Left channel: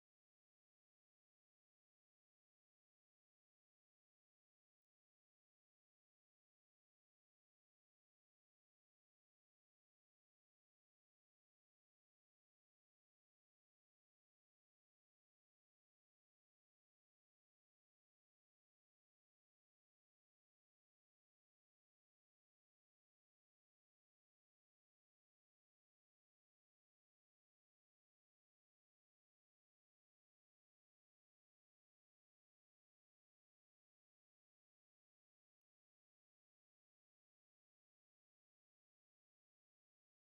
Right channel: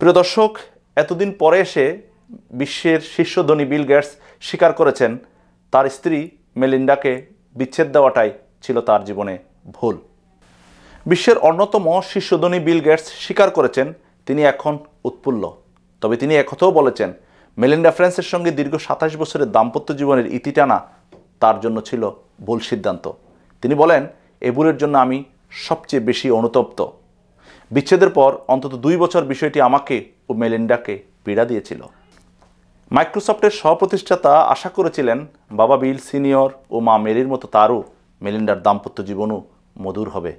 প্রিয় দর্শক, এতদিন পরে এসে বিশ্বের শীর্ষ ধনী বিল গেটস স্বীকার করেছেন তার স্ত্রী মেলিন্ডাকে বিচ্ছেদ দেওয়াটাই ছিল তার জীবনে ভুল। বিশ্বের অন্যতম শীর্ষ ধনী বিল গেটস স্বীকার করেছেন তিনি এখন উৎফুল্ল। তবে তিনি একথাও বলেছেন মেলিন্ডা ফ্রান্সের সঙ্গে দীর্ঘ ২৭ বছরের দাম্পত্য জীবনের ইতি টানা তার জন্য ছিল ভুল সিদ্ধান্ত। তিনি বলেন, এ ভুলের জন্য আমি সবচেয়ে বেশি অনুতপ্ত। বিচ্ছেদের পর অন্তত ২ বছর বিষয়টি আমাকে ও মেলিন্ডাকে পীড়া দিয়েছিল। মাইক্রোসফটের সহপ্রতিষ্ঠাতা আশা করেছিলেন বাবা বিল সিনিয়র ও মা মেরির মতো তারও মেলিন্ডার দাম্পত্য জীবনও মধুর হবে।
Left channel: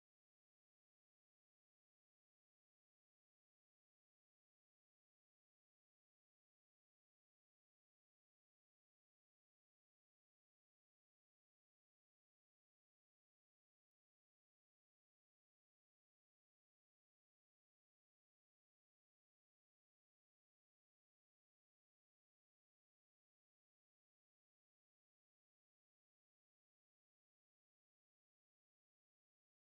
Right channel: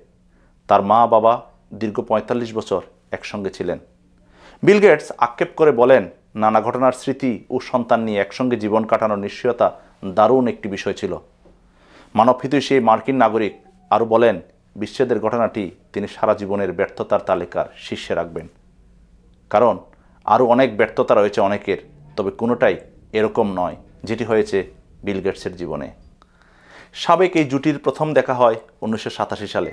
তার মা বাবা দীর্ঘ ৪৫ বছর একসঙ্গে ছিলেন। বিল গেটস আক্ষেপ করে বলেন, নানা ঘটনার স্মৃতি ও সন্তান নিয়ে একসঙ্গে জীবন কাটানোর নিশ্চয়তা দারুণ একটি বিষয় ছিল। মানবহিত সেই মার্কিন নাগরিক আরও বলেন, বিচ্ছেদের ঘটনাটি তিনি সারা জীবনের ব্যর্থতার তালিকার শীর্ষে রাখবেন। কারণ আরও অনেক ব্যর্থতা রয়েছে অনেকের, তবে কোনোটাই এরকম নয় যেটি হয়েছে বিল গেটসের জীবনে। সাবেক এই জুটির প্রথম দেখা হয় ১৯৮৭ সালে।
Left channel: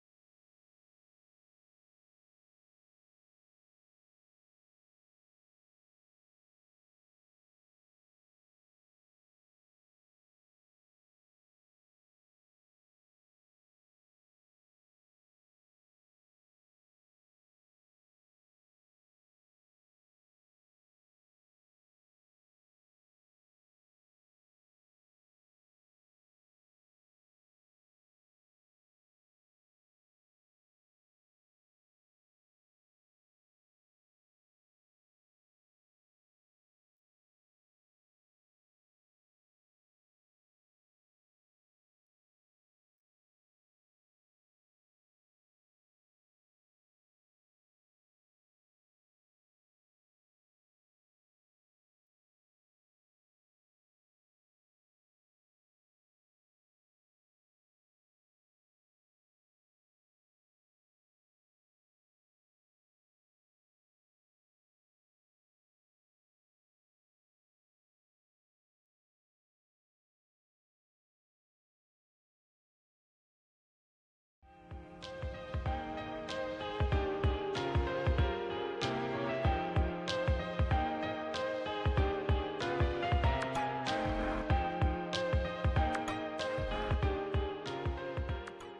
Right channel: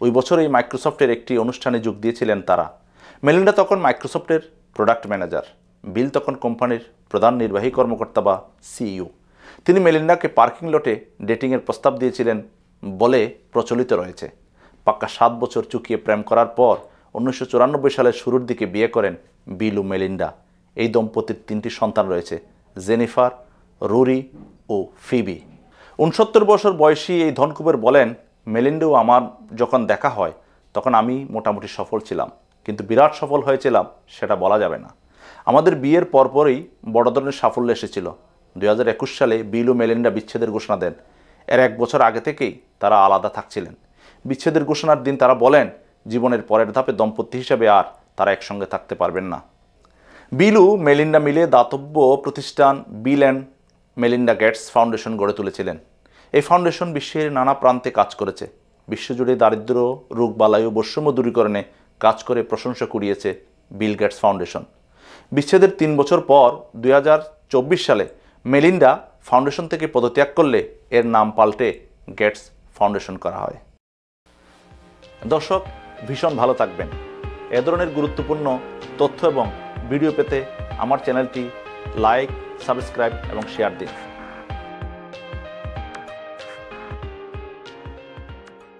ওই বছরই মাইক্রোসফটের একটি অনুষ্ঠানে যোগ দিয়েছিলেন তারা। মেলিন্ডা তখন মাইক্রোসফটের প্রোডাক্ট ম্যানেজার, বিল তখন কোম্পানির প্রধান নির্বাহী কর্মকর্তা বা সিইও। তিনি মেলিন্ডাকে পার্কিং লটে ডেটিংয়ের প্রস্তাব দিয়েছিলেন বলে প্রচলিত রয়েছে। পাক্কা ৭ বছর চুকিয়ে প্রেম করার পর ১৯৯৪ সালের শুরুর দিকে বিয়ে করেন বিল ও মেলিন্ডা। এই দম্পতির ৩টি সন্তান রয়েছে, জেনিফার, রুরি ও ফিবি। ৬৯ বছর বয়সী এই ধনকুবের বলেন, মেলিন্ডাও আমার যখন দেখা হয় তখন আমি মোটামুটি সফল ছিলাম, কিন্তু বিরাট সফল হয়েছিলাম সেটা বলা যাবে না। আমাদের বিয়ের পরপরই বড় ধরনের সাফল্য এসেছিল। ২০২১ সালে বিল ও মেলিন্ডা বিচ্ছেদের ঘোষণা দেন। এর ১ বছর আগে থেকেই তারা আলাদা থাকছিলেন। বিচ্ছেদের ঘোষণার দিন তারা বলেন, জীবনের পরের ধাপে দম্পতি হিসেবে আর তারা একসঙ্গে থাকতে পারবেন না। বিল ও মেলিন্ডা মিলে দাতব্য প্রতিষ্ঠান Bill and Melinda Gates foundation গড়ে তুলেছিলেন। এই ফাউন্ডেশন বিশ্বের নানা প্রান্তে কাজ করেছে। বিশ্বজুড়ে দারিদ্র, রোগবালাই ও বৈষম্য দূরীকরণে কাজ করে প্রশংসা কুড়িয়েছে বিল গেটস ফাউন্ডেশন। বিচ্ছেদের ৩ বছর পর ২০২৪ সালে মেলিন্ডা ফাউন্ডেশন থেকে পদত্যাগ করলে এর নাম পাল্টে গেটস ফাউন্ডেশন করা হয়। দর্শক, ভীষণ ভালো থাকবেন। এ ধরনের গুরুত্বপূর্ণ তথ্য এবং ভিডিও পেতে আমার চ্যানেলটি লাইক, সাবস্ক্রাইব এবং শেয়ার দিন।